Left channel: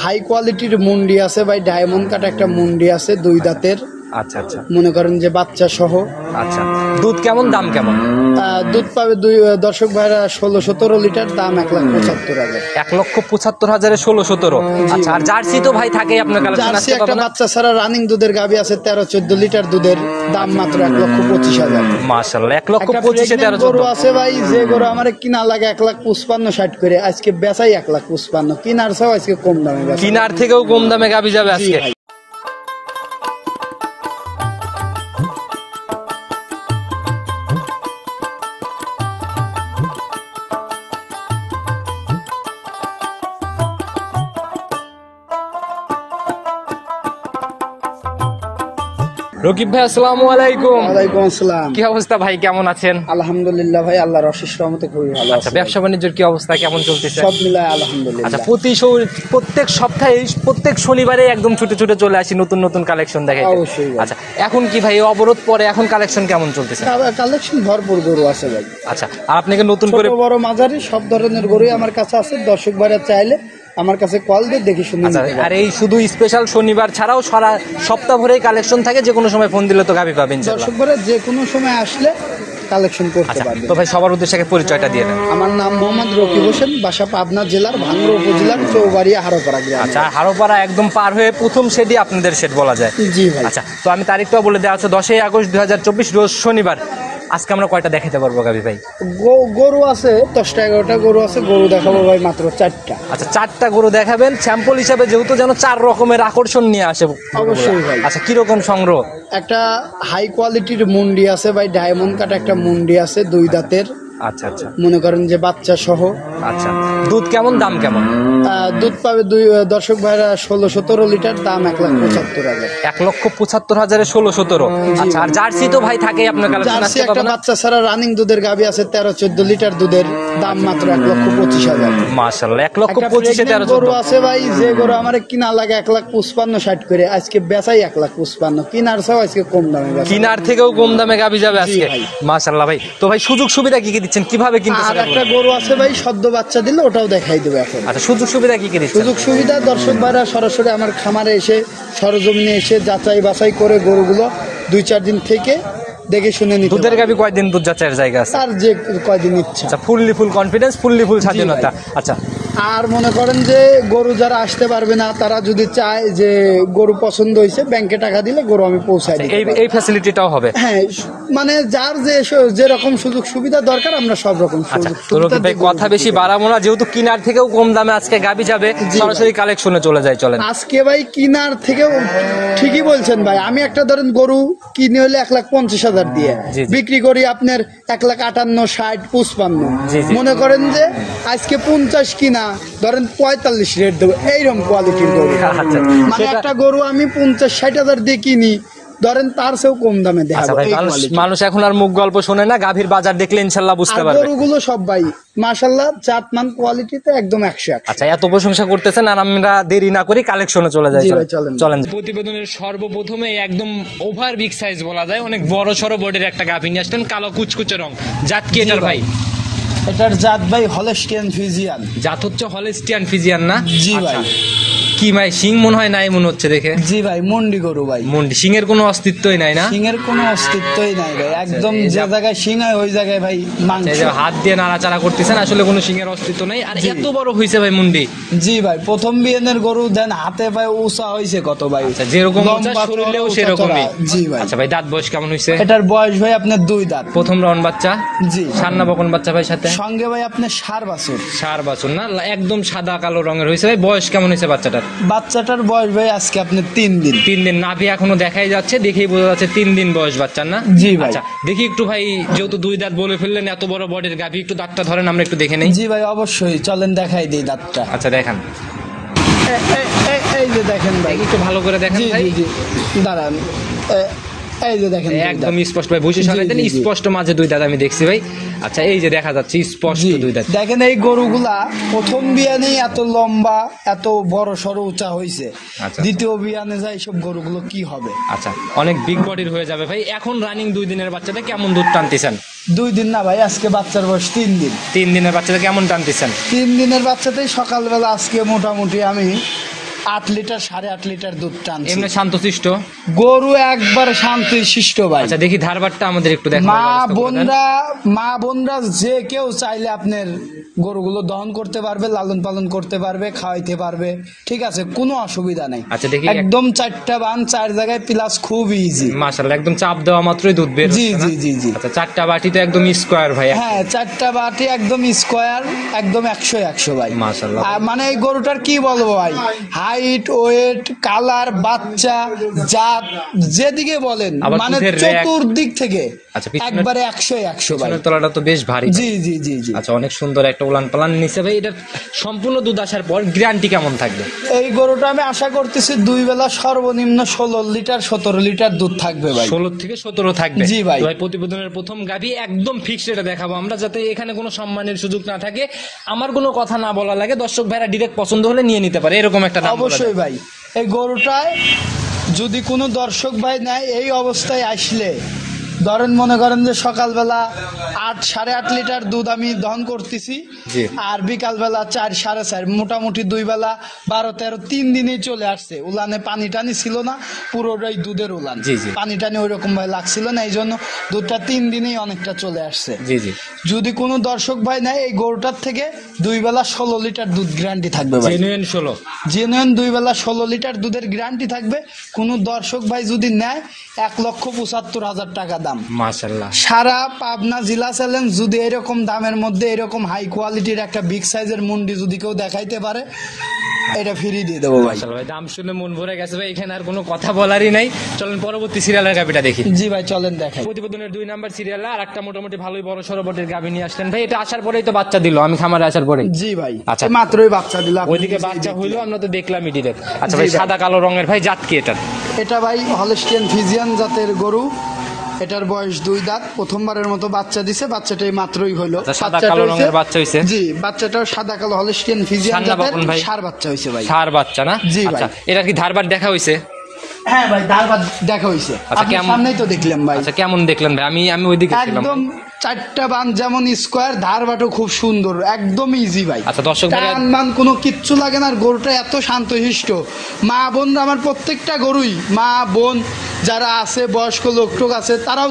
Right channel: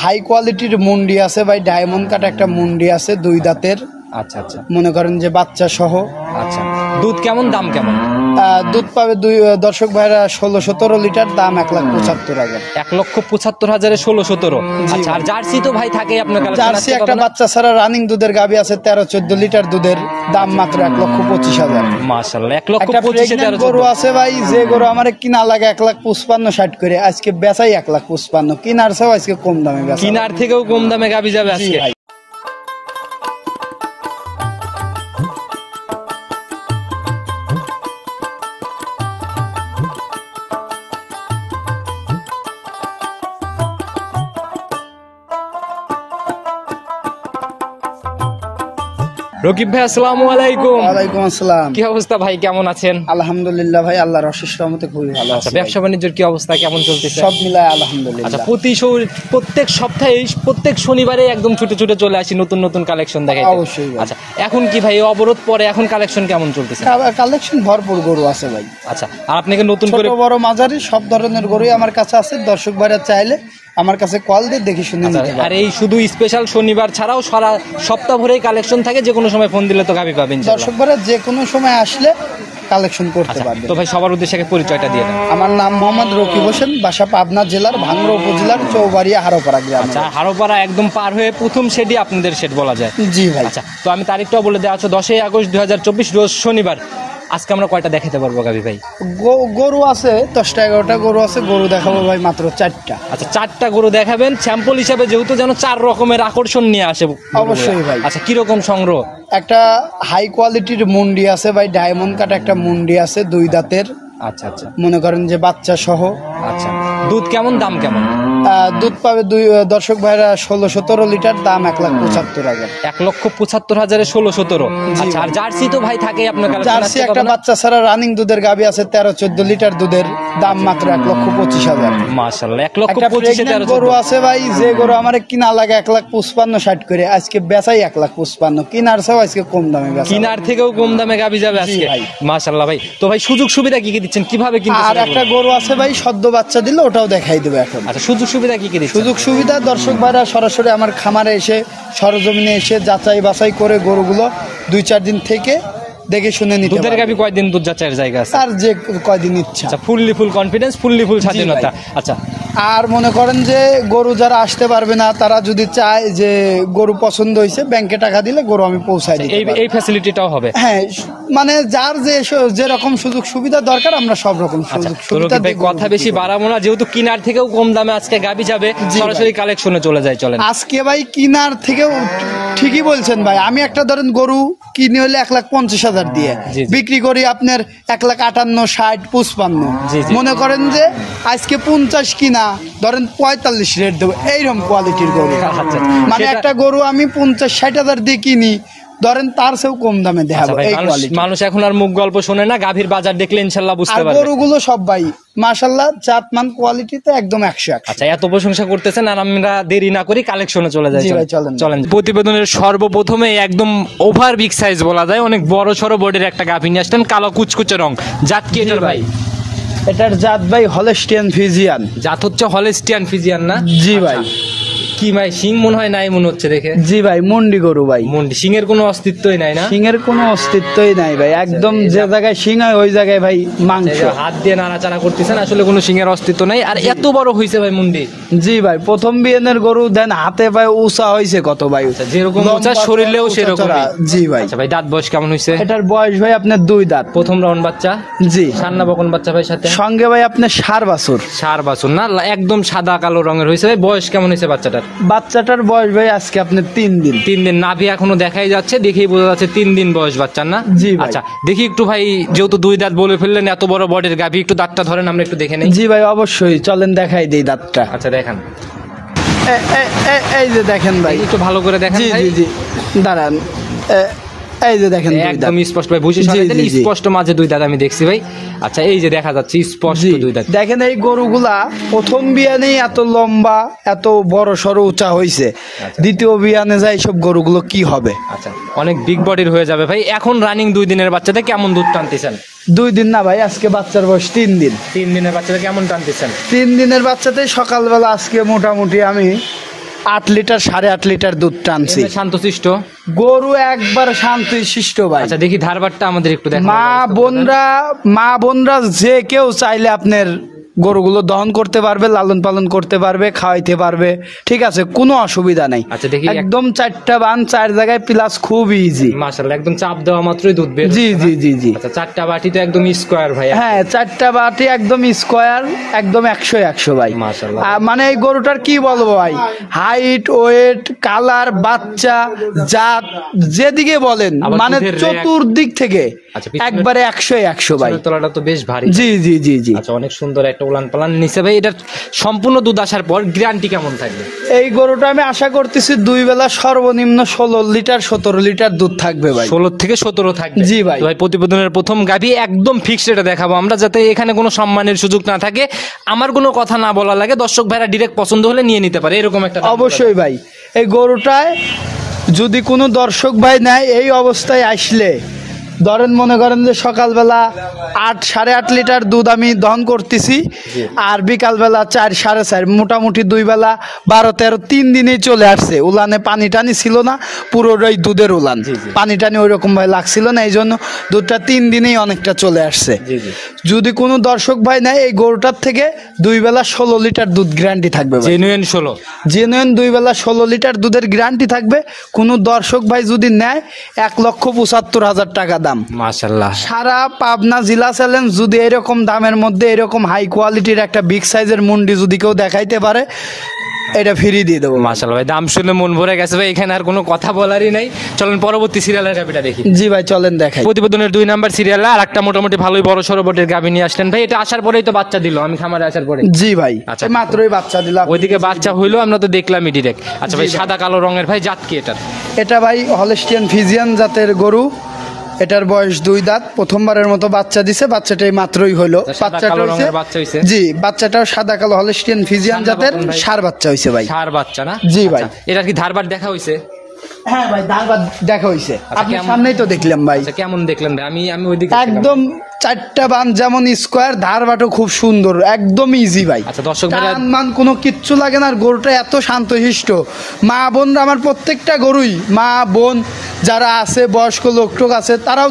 High কোয়ালিটির মুন্ডি আছে ভাই, ডায়মন্ড কাট একটা মুন্ডি আছে, দুই দাঁতের। আচ্ছা আচ্ছা, মনে করেন যে বাচ্চা সহ। আচ্ছা, দুধ কেমন, দাম কেমন? দুধ পাবে দর্শক ভাইরা 16-17 লিটার, দাম 1,75,000। 1,75,000 16-17। আচ্ছা, আর জার্সি তো ভাই থাকে আপনার কাছে? জার্সি একটা বাচ্চা ছাড়া রানিং দুধের গাভী আছে 13-14 লিটার দুধের, দাম মাত্র 1,25,000। মাশাআল্লাহ, 1,25,000 গরু আছে ভাই, যে গরু আমার কিনা লাগে 1,55,60 করে, আজকে বেচাই 1,55,000, কিনার চেয়েও আজকে কম দামে বেচা। কিনার থেকেও কম দামে গাভী যাবে আজকে। রকিব ভাই, আসসালামু আলাইকুম। ওয়ালাইকুম আসসালাম। কি অবস্থা ভাই, কেমন আছেন? আলহামদুলিল্লাহ ভাই, আল্লাহর অশেষ রহমতে খুবই ভালো আছি। আচ্ছা, ব্যবসা বাণিজ্যের কি অবস্থা, কেমন চলতেছে? সব মিলায় আলহামদুলিল্লাহ। আচ্ছা, প্রত্যেক সপ্তাহে প্রত্যেক শনিবারে একদম ছুটে ছুটে চলে আসি নতুন নতুন কালেকশন দেখাইতে। অবশ্যই ভাই। আচ্ছা, এখন কি ভাই অবরোধ পরে এখন কালেকশন কেমন চলতেছে? কালেকশন ভরপুর গরু আছে ভাই। আচ্ছা, আর আপনাকে নতুন করে ছোট বড় মাঝারি সব ধরনের গরুই আমার কাছে আছে, দর্শক ভাইরা চাইলে আমার কাছে কল দিয়ে দেখে শুনে আচ্ছা, নিতে পারবে। আর এই শুধু স্পেশাল শনিবার ছাড়াও সারা সপ্তাহ ভরেই কালেকশন থাকে, যে কোনো সময় ফোন দিলে তো গাবি পাবেন ইনশাআল্লাহ। দর্শক ভাইরা যে কোনো সময় আসলে কালেকশন করতে আচ্ছা, পারবে। তো ভাই সবার উদ্দেশ্যে আগে পরিচয়টা দিয়ে দেন। আমার নাম মোহাম্মদ রকিব হোসেন, বাসা পাবনা জেলার ভাঙ্গুড়া উপজেলার চৌবাড়িয়া হারোপাড়া গ্রাম। আচ্ছা, হারোপাড়া একদম পার হয়ে প্রথম শেডই আপনাদের শেড বলা যায়। জি ভাই। আচ্ছা, তো আমি তারিখটাও বলে দেওয়া আছে, 10ই আগস্ট 2024 রোজ শনিবার। আজকে আমরা কয়টা দেখাতে পারবো গাবি ভাই? গরু আছে 10টা-11টা গরু আছে, গরু দেখাবো ভাই মাত্র 4টা। আচ্ছা, 4টা গরু দেখাবেন স্যাম্পল হিসাবে, যেহেতু যেন 4 রকমের আকর্ষণ নিয়ে আসে। অবশ্যই ভাই। আচ্ছা, কিরকম সংগ্রহ? একটা হাই কোয়ালিটির মুন্ডি আছে ভাই, ডায়মন্ড কাট একটা মুন্ডি আছে, দুই দাঁতের। আচ্ছা আচ্ছা, মনে করেন যে বাচ্চা সহ। আচ্ছা, দুধ কেমন, দাম কেমন? দুধ পাবে দর্শক ভাইরা 16-17 লিটার, দাম 1,75,000। 1,75,000 16-17। আচ্ছা, আর জার্সি তো ভাই থাকে আপনার কাছে? জার্সি একটা বাচ্চা ছাড়া রানিং দুধের গাভী আছে 13-14 লিটার দুধের, দাম মাত্র 1,25,000। মাশাআল্লাহ, 1,25,000 গরু আছে ভাই, যে গরু আমার কিনা লাগে 1,55,60 করে, আজকে বেচাই 1,55,000, কিনার চেয়েও আজকে কম দামে বেচা। কিনার থেকেও কম দামে গাভী যাবে আজকে। ভাই। মাশাআল্লাহ ভাই, তো ভাই সুযোগ সুবিধা কি কি দিচ্ছেন, কিভাবে কিনতেছেন? আর একটা গরু আছে ভাই, সদ্য বাচ্চা দিলে ওটাও দেখাই দেবে এখন। আচ্ছা, সুযোগ সুবিধা কি কি দিচ্ছেন? সুযোগ সুবিধা দর্শক ভাইরা সরাসরি আমার খামারে এসে সরজমিনে এসে যাচাই বাছাই করে গরুগুলো 2-4 দিন থেকে দেখে শুনে নিতে দুধের পারবে। গাভী কয়দিন দুধ যাচাইয়ের জায়গা আছে? আর যে কয়দিন ইচ্ছা। আচ্ছা, ফুল কনফিডেন্স, ফুল স্বাধীনতা। আচ্ছা, আর মনে করেন যে গরু যারা আসতে পারবে না, তারা যদি চায় যে গরু পছন্দ হয়েছে, ব্যাংকে টাকা দিলে গরু আমি পৌঁছাই দিই। এই ফ্যাসিলিটিটাও হবে? হ্যাঁ, মানে যার যেরকম সুযোগ সুবিধা দরকার আমরা সব রকম আচ্ছা, সুযোগ তো রকিব সুবিধা ভাই কথা বেশি বাড়াবো না, যেহেতু কিনার থেকেও কম দামে আজকে গাভী যাবে, সরাসরি কালেকশনে চলে যায়। চলেন আজকে ভাই কিনার থেকেও ঠিকই বলছেন ভাই। আমি একটা ধরেন গরু কিনে হলে 1,50,000 দিয়ে জি, জি। বিক্রি করি আপনার 1,58,000, 60, 55। জি, জি। মনে করেন যে আজকে 50 কিনা ধরেন 45 রেট দেবো, এইরকম কোয়ালিটির গরু। আচ্ছা, মানে একটা গরু আমি 50-60,000 দিয়ে কিনি, ধরেন তার চেয়েও কম দামে আচ্ছা দেখাবো। ভাই, এই quality। মানুষ এখন আর মুখ গল্প শোনে না, গাভীর বাজার দেখলে ইনশাল্লাহ বুঝতে আর পারবে। গরুগুলো সব ভাই মাশাআল্লাহ জাতমান কোয়ালিটিতে একদম 100। আচ্ছা, এত প্রশংসা করতেছেন, আর আমরা দেরি না করি কালেকশনে চলে যাই। জি ভাই, চলেন। চলেন। প্রতিবেদনের সর্বপ্রথমে একদম ওভার বিগ সাইজ বলা যায়, অনেক বড় সড়ো বডির একটা গাভী নিয়ে আসলেন, কালো কুচকুচে রং। জাত কি এটার ভাই? এটার জাত ভাই হলস্টিয়ান ফ্রিজিয়ান। জাত হচ্ছে হলস্টিয়ান ফ্রিজিয়ান না? জি আচ্ছা। ভাই। কি ভাই, সিং মনে হয় নাই মনে হচ্ছে দেখে। জি ভাই, মন্ডি গরু ভাই। মুন্ডি, সিং এর কোনো অস্তিত্বই নাই না? সিং এর কোনো অস্তিত্বই নাই ভাই, একদম যে জায়গায় সিং হয় ওই জায়গায় ভাই মাংস। এই যে হাত দিয়ে নাড়াচাড়া করতেছেন, আসলে কোনো সিং এর অস্তিত্ব নাই। আর এত বড় হয়েছে ভাই মুন্ডি। জি ভাই, প্রথম বিয়ানের গরু দেন হাতে ভাই উঁচা হয়েছে কত ভাই। আচ্ছা, যেরকম উঁচা লম্বা শরীরেও চড়া, সেরকমই। জি ভাই। আচ্ছা ভাই, দাঁত বয়স কেমন হয়েছে? এটার বয়স ভাই আপনার 2 দাঁত। প্রথম রাউন্ড বাচ্চা? জি। সান্না বকন বাচ্চা ভাই সাথে? সঙ্গে ভাই আপনার 4 বাছুর। 4 বছর না, একদম সাদা কালো রঙের হয়েছে। বয়স কেমন হয়েছে বাচ্চাটার? বাচ্চাটার বয়স ভাই আজকে আপনার 3 দিন। 3 দিন। নাভি এখনো দেখাই যাচ্ছে, দেখেই বোঝা যাচ্ছে 3 দিন বয়স বাচ্চার না? জি ভাই। আচ্ছা, দেখি একটু ভাই, যেহেতু 2 দাঁত বলে ফেললেন, এত বড় বডির গাভী, একটু দাঁতটা ধরেন, আমরা একটু দেখে নেই। জি ভাই, অবশ্যই চলেন দেখাই দেই দাঁতটা। আচ্ছা, দেখান। এই যে দেখেন ভাই, একটু ভালো করে দেখেন। জি ভাই। জি জি, দাঁড়ান। এই যে দেখেন দুই একদম দাঁত। স্পষ্ট ভাই, বুঝে জি, সরাই দেন, জি, জি। স্পষ্ট মাঝে 2 দাঁত আমি দেখছি ভাই। আচ্ছা, এই যে দেখা যাচ্ছে স্পষ্ট জি, 2 দাঁত। দেখেন এই গরুগুলা প্রথম বিয়ানেই এত লম্বা এত বড় সড়ো উঁচা হয়েছে, আচ্ছা। দ্বিতীয় বিয়ানে যায় সব গরুগুলো কি হবে। আচ্ছা, অনেক বিগ বডির হয়ে যাবে ভাই। এখন রানিং 2 দিনের বাচ্চাতে কেমন দুধ টানতেছেন? 2 দিন না ভাই, আজকে বাচ্চার বয়স 3 দিন। 3 দিনের বাচ্চাতে কেমন টানতেছেন? 3 দিনের বাচ্চাতে সকালবেলা আজকে মোটামুটি আমি 8 লিটার 8.5 লিটার দুধ টানছি। এমনি শান্তশিষ্ট গরু একবার শান্তশিষ্ট ভাই। আচ্ছা দেখি ধারবারটা আমাদের একটু দেখো। মা বোনরা যে কেউ চাইলে আপনার গরুগুলো দহন করতে পারবে, লালন পালন করতে পারবে, খাওয়াইতে পারবে, ঠিক আছে, কোনো অসুবিধা নাই। আচ্ছা দেখি একদম 4টা বান 4 জায়গায় প্লাস, খুব ইজি মাশাআল্লাহ, একদম চাপ দেওয়া মাত্রই দুধ বের জি হচ্ছে না? জি জি জি। আচ্ছা 4টা বাটি তো একদম স্কয়ার ভাই। হ্যাঁ 4টা বাটি একদম স্কোয়ার, একদম 100 ভাই মাশাআল্লাহ। মানে এই গরুটার কি বলবো ভাই, হাইট, ওয়েট, কালার, বাচ্চা, জাত, যেদিকে বলেন আবার মানে দুধের চতুর্দিক থেকে আচ্ছা, পিছনের- একবারে 100 ভাই। পিছনের তলাটা তো বেশ ভারী। জি জি জি জি। আচ্ছা অনেক সুন্দর একটা উলান পালান নিচে ভাই। এটার সম্পূর্ণ দুধ আসার পর গ্যারান্টি কেমন থাকবে? এই গরুটা আমি আশা করতেছি 2 বেলা সর্বনিম্ন 16 লিটার 17 লিটার দুধ থাকবে ভাই। 16 থেকে 17 থাকবে। জি ভাই। তো ভাই প্রতিবেদনের প্রথম গাভী একদম ফিক্সড এটা দেখাবো আমরা, যাতে এখানে কোনো সম্মানের সুযোগ না থাকে, আমার কোনো কথা না বলা লাগে, দর্শক ভাইরা ডিরেক্ট পছন্দ হলে নিয়ে নিতে পারে, এরকম একটা দাম বলা অবশ্যই ভাই। এই গরুটায় যদি কোনো দর্শক ভাই নেয়, এই অবস্থায় আসলে ধরেন মনে করেন যে সকালবেলা 8-8.5 লিটার দুধ আমি দহন করতেছি, জি। আর বিকালবেলা 4-4.5, মোটামুটি 2 বেলা 12-13 3 দিনেই চলে আসছে। উলানে পানি টানি ছিল না, পুরোটাই দুধের উলান, জি, জি। পানি টানি ওই রকম ভাই লাগছিল না, এই জন্য দুধটা 3 দিনেই অনেকটা চলে আসছে। জি জি। যদি কোনো দর্শক ভাই নেয়, এই গরুটার থেকে 2 বেলা 16 লিটার দুধ গ্যারান্টি থাকবে ভাই। জেনুইন 16। জেনুইন 2 বেলা 16 লিটার দুধের গ্যারান্টি থাকবে। কোনো দর্শক ভাই যদি নেয় 1,75,000 টাকা দাম। মাশাআল্লাহ। সারা পাবনা জেলা চ্যালেঞ্জ, যদি এরকম দামের মধ্যে এরকম হাই কোয়ালিটির একটা বিগ সাইজের মুন্ডি যদি কেউ দেখাইতে পারে, এটা ফ্রি দিয়ে দেবো। মাশাআল্লাহ ভাই, দাম শুনে মন ভরে গেছে ভাই, এখানে আর কোনো কথা বলারই নাই। চলেন পরবর্তী সিরিয়ালের গাভিটা দেখি। জি ভাই চলেন দেখাই। প্রতিবেদনের 2 নাম্বার সিরিয়ালে আর একটা মোটামুটি ভালোই বড় সড়ো বটের গাভী নিয়ে আসলেন ভাই। এটা আসার পরেই তো বাচ্চা দিল, আমি খামারে আসার পরে। জি ভাই আচ্ছা। মাত্রই বাচ্চা দিলাম। ওইদিকে বাচ্চা হইলো, আমরা তো দেখলামই ডিরেক্ট। আচ্ছা ভাই, জি ভাই। সাদা কালো রঙের ভাই, জাত কি এটার? এটা ভাই হলস্টিয়ান ফিজিয়ান জাতের গরু। এটার বয়স 2 দাঁত, প্রথমবারের মতো বাচ্চা দিছে, বাচ্চাটাই মাত্রই হলো। আচ্ছা, সাদা বাচ্চাটা কালো হইছে- রঙের বাচ্চা হইছে? জি, বাচ্চাটাও সাদা কালো হলস্টিয়ান ফিজিয়ান সান্ডা জাতের বাপন ভাই। ষাঁড় বাচ্চা হইছে ভাই। ষাঁড় বাচ্চা না? জি ভাই। আচ্ছা, এটার কি ধারবার দেখা হইছে? হ্যাঁ ভাই ধারবাদ দেখা হইছে, আচ্ছা, আপনার কেমন- সামনেই তো দেখলাম ভাই। আচ্ছা কেমন দেখলেন ভাই? আমি ওইদিকে ছিলাম। একদম 4টা বান যেমন স্কোয়ার, ধারবাটও খুব সুন্দর, একদম ইজি ভাই। আচ্ছা, দর্শক ভাইরা- টান মান কোনো কিচ্ছু লাগে না, আর গরুটা এত শান্তশিষ্ট। মা বোনরা, আমার প্রত্যেকটা গরুই, মা বোন যারা আছে, বয়স্ক লোক টোক আছে, তারাও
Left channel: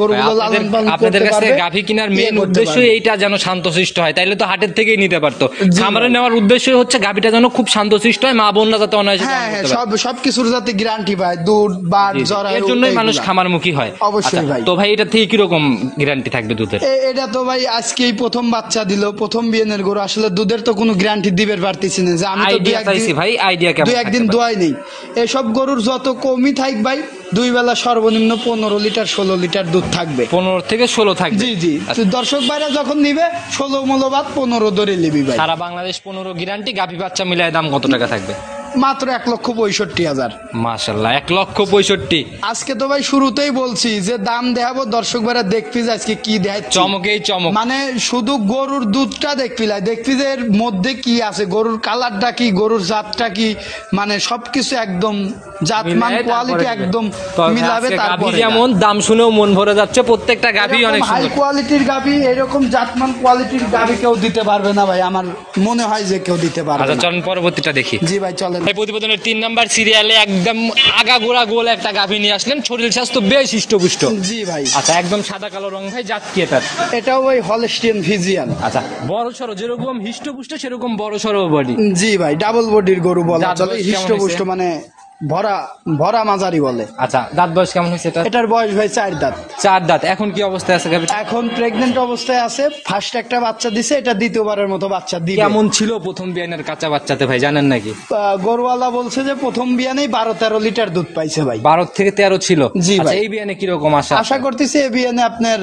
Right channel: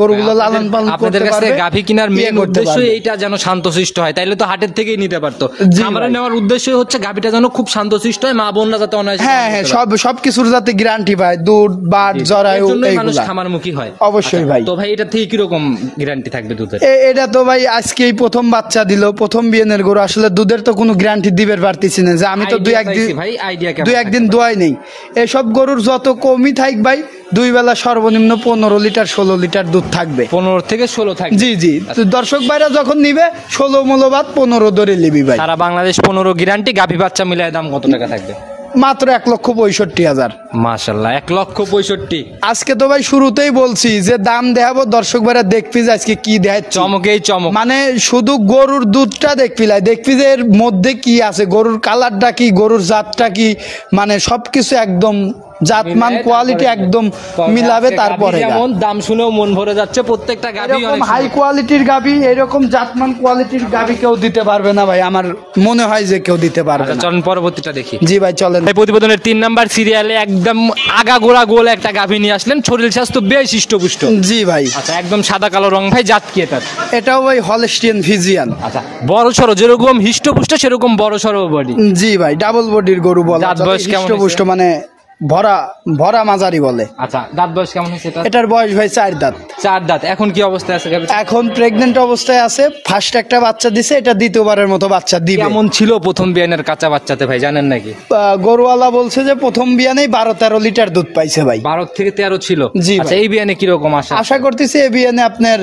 গরুগুলো লালন পালন আপনাদের করতে কাছে পারবে। গাভী কেনার ইয়ে মেইন করতে উদ্দেশ্য পারবে। এইটা, যেন শান্তশিষ্ট হয়, তাইলে তো হাটের থেকেই নিতে পারতো। জি খামারে ভাই। নেওয়ার উদ্দেশ্যই হচ্ছে গাভীটা যেন খুব শান্তশিষ্ট হয়, মা বোনরা যাতে অনায়াসে হ্যাঁ পালন হ্যাঁ, করতে পারে। সবকিছুর যাতে গ্যারান্টি পায়, দুধ বাট জি, জি। জরায়ু, এর জন্যই মানুষ এইগুলা। খামারমুখী হয়। অবশ্যই আচ্ছা, ভাই। তো ভাই এটা থেকে কিরকম গ্যারান্টি থাকবে দুধের? এটা তো ভাই আজকেই প্রথম বাচ্চা দিল, প্রথম বিয়ানের গরু, আসলে দুধের তো কোনো গ্যারান্টি দিবার পারতেছি না, যে আমি তো আইডিয়া চাইছি ভাই, আইডিয়া কেমন? 2-1 দিন দোয়াই নেই। এসব গরুর যত কমই থাক ভাই, 2 বেলা সর্বনিম্ন 15 লিটার 16 লিটার দুধ থাকবে। 15 থেকে 16 থাকবে। জি জি। তো দর্শক ভাইরা যখন নিবে 16 মূল্যবাদ 15 ধরে নিবি ভাই। সারা বাংলাদেশ 15 গ্যারান্টি। গাভী বাচ্চা মিলায় দাম কত টাকা থাকবে? মাত্র 1,65,000। মাশাআল্লাহ, 1,65,000। আজকে তো ভাই শুরুতেই বলছি যে দাম দেখাবো, দর্শক ভাইরা দেখবি যে আজকে কি দেয়। চমকেই চমক। মানে শুধু গরুর দুধটা দেখবি যে এর মধ্যে কি আছে, গরুর কালারটা কি, গরুর জাতটা কি, মানে সবকিছু একদম জাতমান মিলায়ে কোয়ালিটি তারপরে একদম তবে মিলাবে। আজকে গাভী তারপরে যেমন দাম শুনেও মন ভরে যাচ্ছে, প্রত্যেকটা গাভী অনেক হাই সুন্দর। কোয়ালিটির গাভী, এরকম জাতমান কোয়ালিটির গাভী কেউ দিতে পারবে না ভাই, আমার মনে হয় যে কেউ দিতে পারবে আচ্ছা না। চলেন পরবর্তীটা দেখি। জি ভাই চলেন। এই প্রতিবেদনের 3 নাম্বার সিরিয়ালে একদম আগাগোড়া গোল একটা গাভী নিয়ে আসলেন, শরীর স্বাস্থ্য বেশ হৃষ্টপুষ্ট। জি ভাই। আচ্ছা, একদম সাদা কালো রং ভাই, জাত কি এটার? এটাও ভাই হলস্টিয়ান ফিজিয়ান। আচ্ছা, বড় সড়ো, যেরকম হৃষ্টপুষ্ট সেরকম বড় সড়ো বডি। জি ভাই, ডাবল বডির গরু বলা দাঁত চলে, বয়স কেমন হৃষ্টপুষ্ট, হয়েছে? মানে ভরা ভরা মাঝারি বলে। আচ্ছা, দাঁত বয়স কেমন হয়েছে এটা? এটার বয়স ভাই 4 দাঁত। 4 দাঁত। এখন কি অবস্থায় আছে গাভীটা? এখন প্রেগনেন্ট অবস্থায় আছে, ফার্স্ট একটা বাচ্চা দিছে, এটা দ্বিতীয়বারের মতো বাচ্চা দিবে। কেমন ছিল প্রথম বিয়ানের কাঁচা বাচ্চাতে ভাই, জানেন নাকি? গরুওয়ালা বলছে যে প্রথম বিয়ানেই 12-13 লিটার দুধ পাইছে ভাই। 12 থেকে 13 ছিল। জি ভাই। আচ্ছা, এই বিয়ানে কিরকম আশা? আশা করতেছি এই বিয়ানে আপনার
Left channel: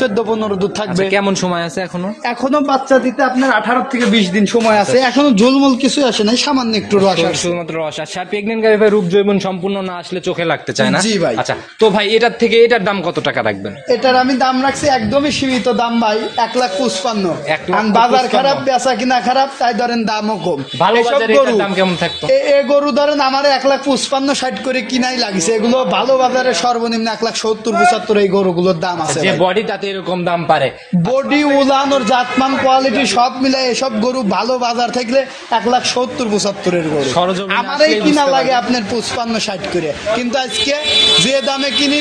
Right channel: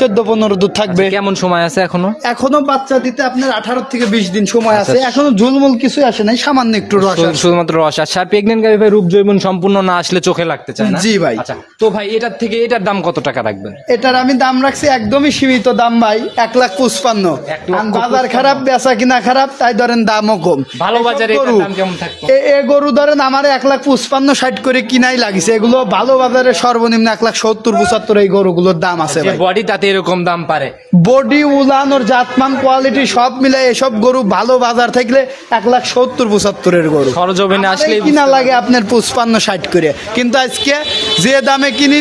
14-15 দুধ থাকবে। আচ্ছা, কেমন সময় আছে এখনো? এখনো বাচ্চা দিতে আপনার 18 থেকে 20 দিন সময় আছে, এখনো ঝুলমুল কিছু আসে নাই, সামান্য একটু রস আছে। শুধুমাত্র রস। আর প্রেগনেন্ট গাভী ভাই রূপ জৈবন সম্পূর্ণ না আসলে চোখে লাগতে চায় না। জি ভাই। আচ্ছা তো ভাই এটার থেকে এটার দাম কত টাকা রাখবেন? এটার আমি দাম রাখছি একদমই সীমিত দাম ভাই, 1,55,000। 1,55,000 বাজার খারাপ, বেচা কিনা খারাপ, তাই ধরেন দামও কম। ভালো এসব বাজারে গরু, এটার দাম কেমন থাকতো? এ গরু ধরেন আমার 1,55,60 করে কিনাই লাগিছে। এগুলো ভালো বাজারে সর্বনিম্ন 1,70,75 এই গরুগুলোর দাম আছে যে ভাই। বডি তাতে এরকম দাম পারে। বডি, উলান, ওর জাতমান, কোয়ালিটি সব মিলে এসব গরু ভালো বাজার থাকলে 1,70,75 গরু সরজমিনে আমারই আসলেই কিনা বুঝতে লাগে আপনার 55-60 করে, কিন্তু আজকে যে দামে কিনি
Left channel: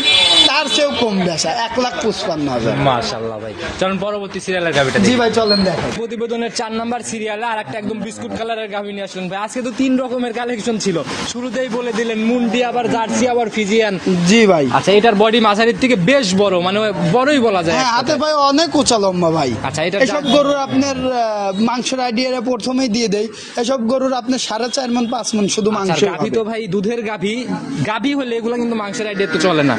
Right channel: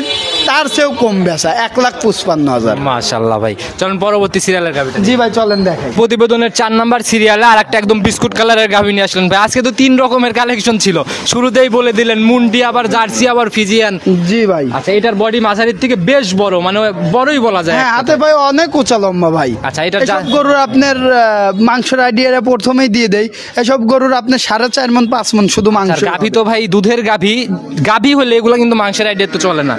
তার চেয়েও কম বেচা, 1,55,000। মাশাআল্লাহ ভাই, চলুন পরবর্তী সিরিয়ালের গাভিটা। জি ভাই চলেন দেখাই। প্রতিবেদনের 4 নাম্বার সিরিয়ালে আর একটা একদম বিস্কুট কালারের গাভী নিয়ে আসলেন ভাই। আজকে তো 3 রকমের কালেকশন ছিল, শুরুতেই বলে দিলেন মুন্ডি, আবার জার্সি, আবার ফিজিয়ান। জি ভাই। আচ্ছা এটার বডি মাঝারির থেকে বেশ বড়, মানে বড়ই বলা যায়। হ্যাঁ, হাতে ভাই অনেক উঁচা লম্বা ভাই। আচ্ছা, এটার এসব গরুর আপনার মাংসের আইডিয়াটা প্রথমেই দিয়ে দেয়। এসব গরুর আপনার 4.5 মণ 5 মণ শুধু মাংস গাভী তো ভাই দুধের গাভী হলে এগুলো কিন্তু মাংসের আইডিয়া তো চলে না।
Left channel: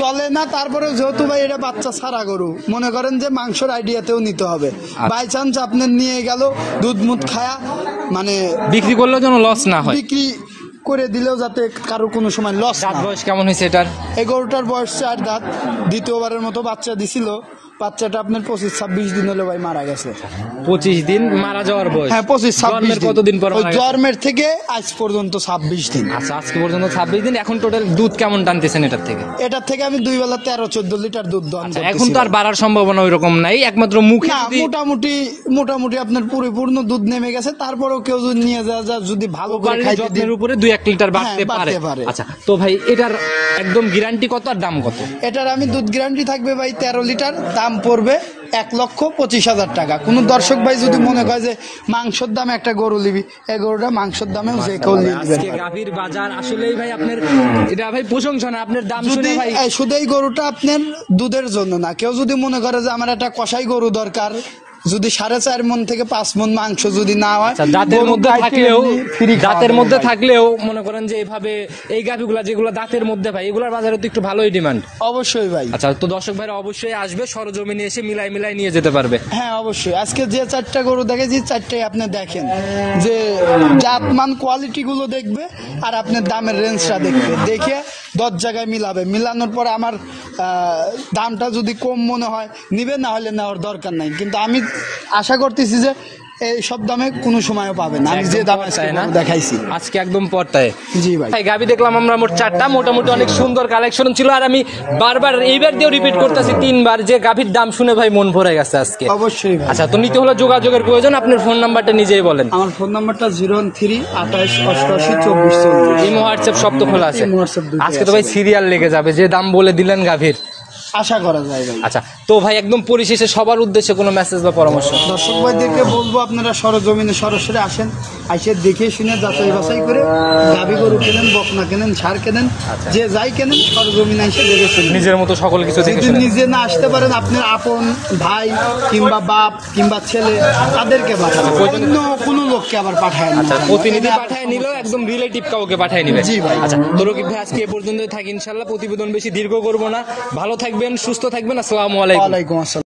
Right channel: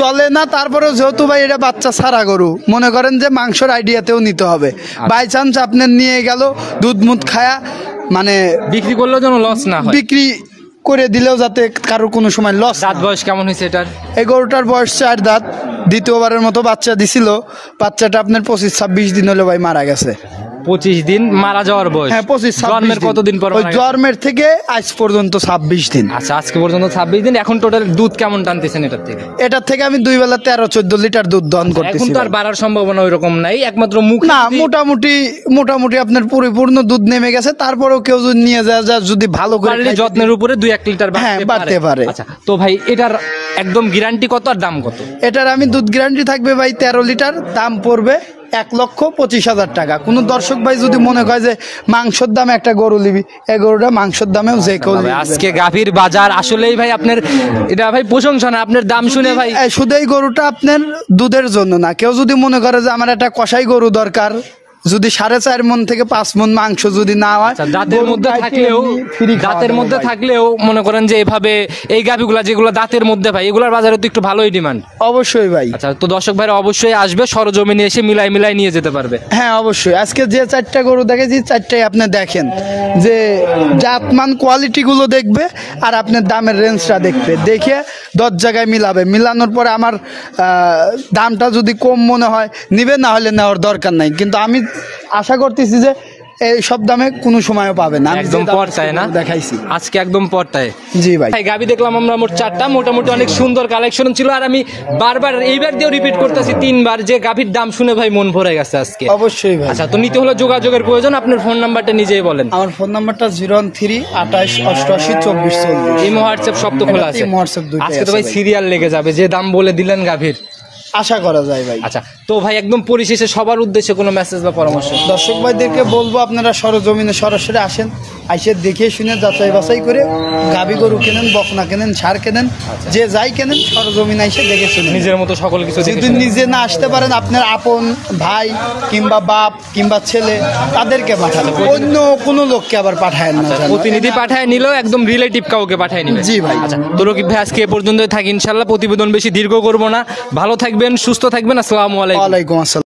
চলে না। তারপরে যেহেতু ভাই এটা বাচ্চা ছাড়া গরু, মনে করেন যে মাংসের আইডিয়াতেও নিতে হবে। বাই চান্স আপনার নিয়ে গেল দুধ মুধ খায়া, মানে বিক্রি করলেও যেন লস না হয়, বিক্রি করে দিলেও যাতে কারোর কোনো সময় লস। দাঁত বয়স কেমন হয়েছে এটার? এই গরুটার বয়স 4 দাঁত, দ্বিতীয়বারের মতো বাচ্চা দিছিল। বাচ্চাটা আপনার 25-26 দিন হলো ভাই মারা গেছে। 25 দিন মারা যাওয়ার বয়স? হ্যাঁ 25-26 জন্মের কতদিন পর মারা গেছে? জন্মের থেকে আজ পর্যন্ত 26 দিন। আচ্ছা আজকে পর্যন্ত 26 দিন। এখন টোটাল দুধ কেমন টানতেছেন এটার থেকে? এটার থেকে আমি 2 বেলা 13-14 লিটার দুধ দহন করতেছি। এখন তো আর বাড়ার সম্ভাবনা ওইরকম নাই, একমাত্র মুখে না, মোটামুটি আপনার পরিপূর্ণ দুধ নেমে গেছে। তারপরেও কেউ যদি নিয়ে যায় যদি ভালো করে খাইতে যত্নের উপরে 2-1 লিটার হ্যাঁ, বাড়তে বাড়তে পারে। আচ্ছা তো ভাই এটার একদম গ্যারান্টি কত আর দাম কত? এটার আমি দুধ গ্যারান্টি থাকবে ভাই 13 লিটার, দাম পড়বে 1,25,000 টাকা। কোন দর্শক ভাই যদি মনে করে যে মাংসের দামে একটা গরু নিবি, এই গরুটা মাংসের দামেও যে কেউ নিবে। আজকে গাভীর বাজার আসলেই ভাই আপনার এটা ভাই প্রশংসা না, আপনার দাম শুনে ভাই। শুধু এই গরুটা আপনার দুধের জন্য না, কেউ যদি মনে করে যে আমার একটা কষাই গরু দরকার, যদি 4.5 মণ থেকে 5 মণ মাংস যদি না হয়, দাঁতের মধ্যে থাকলেও মনে করেন যে এভাবে এই গাভীগুলা যেগুলো দাঁতের মধ্যে ভাই, এগুলোর বাজারে তো একটু ভালোই ডিমান্ড। অবশ্যই ভাই। আচ্ছা তো দর্শক ভাইরা অবশ্যই আসবে, সরজমিনে এসে মিলাই নিয়ে যেতে পারবে। হ্যাঁ অবশ্যই। আজকে যে 4টা গরু দেখেছি 4টাই আপনি দেখেন যে জাতমান কোয়ালিটি গুলো দেখবে আর আপনার দামের রেঞ্জটা দেখবে, দেখে 10 জায়গায় মিলাবে। মিলানোর পরে আমার দামটা যদি কম মনে হয় নিবে, না হলে নেওয়ার দরকার নাই। কিন্তু আমি আশা করতেছি যে এই সব দামে কোনো সময়ও পাবেন না। আমি যে দাম দেখাইছি আজকে একদম পর্তায়। জি ভাই। গাভী দেখলাম আমরা মোট 4টা, মোটামুটি অনেক সুন্দর কালেকশন ছিল। আর আমি বারবার এইবার দিয়েও রিপিট করতেছি 3 বার যে গাভীর দাম শুনে ভাই মন ভরে গেছে আজকে। অবশ্যই ভাই। আচ্ছা তো নিতে হলে যোগাযোগের প্রয়োজন, আপনার ফোন নাম্বারটা নিজেই বলেন। আমার ফোন নাম্বারটা 013-28-88-24। এই হোয়াটসঅ্যাপ সব তো খোলা আছে? আজকে তো ভাই সিরিয়াল লেগে যাবে, যে দাম বলে দিলেন গাভীর, আশা করা যায় ভাই। আচ্ছা তো ভাই একদম পরিশেষে সবার উদ্দেশ্যে কোনো মেসেজ বা পরামর্শ? দর্শক ভাইদেরকে বলবো আপনারা সরজমিনে সরাসরি আসেন, আইসে দেখে শুনে যাচাই বাছাই করে গাভী গরু কেনেন, বকনা কেনেন, ষাঁড় কেনেন, যে যাই কেনেন সরজমিনে এসে দেখে শুনে নিজের মতো সকল কিছু দেখে যদি নিজে না আসতে পারেন, আপনার আপন ভাই কিংবা বাপ কিংবা ছেলে তাদেরকে পাঠান, অন্য কোনো লোককে আবার পাঠায় না। আচ্ছা প্রতিনিধি পাঠায় নিলেও একদম রিলেটিভ কাউকে পাঠায় নিবে। জি ভাই। আচ্ছা তো রকিব ভাই আজকে এ পর্যন্তই থাকি, ইনশাআল্লাহ প্রতিবেদন বেশি দীর্ঘ করব না। ভালো থাকবেন, সুস্থ থাকবেন, আসসালামু আলাইকুম। ওয়ালাইকুম আসসালাম।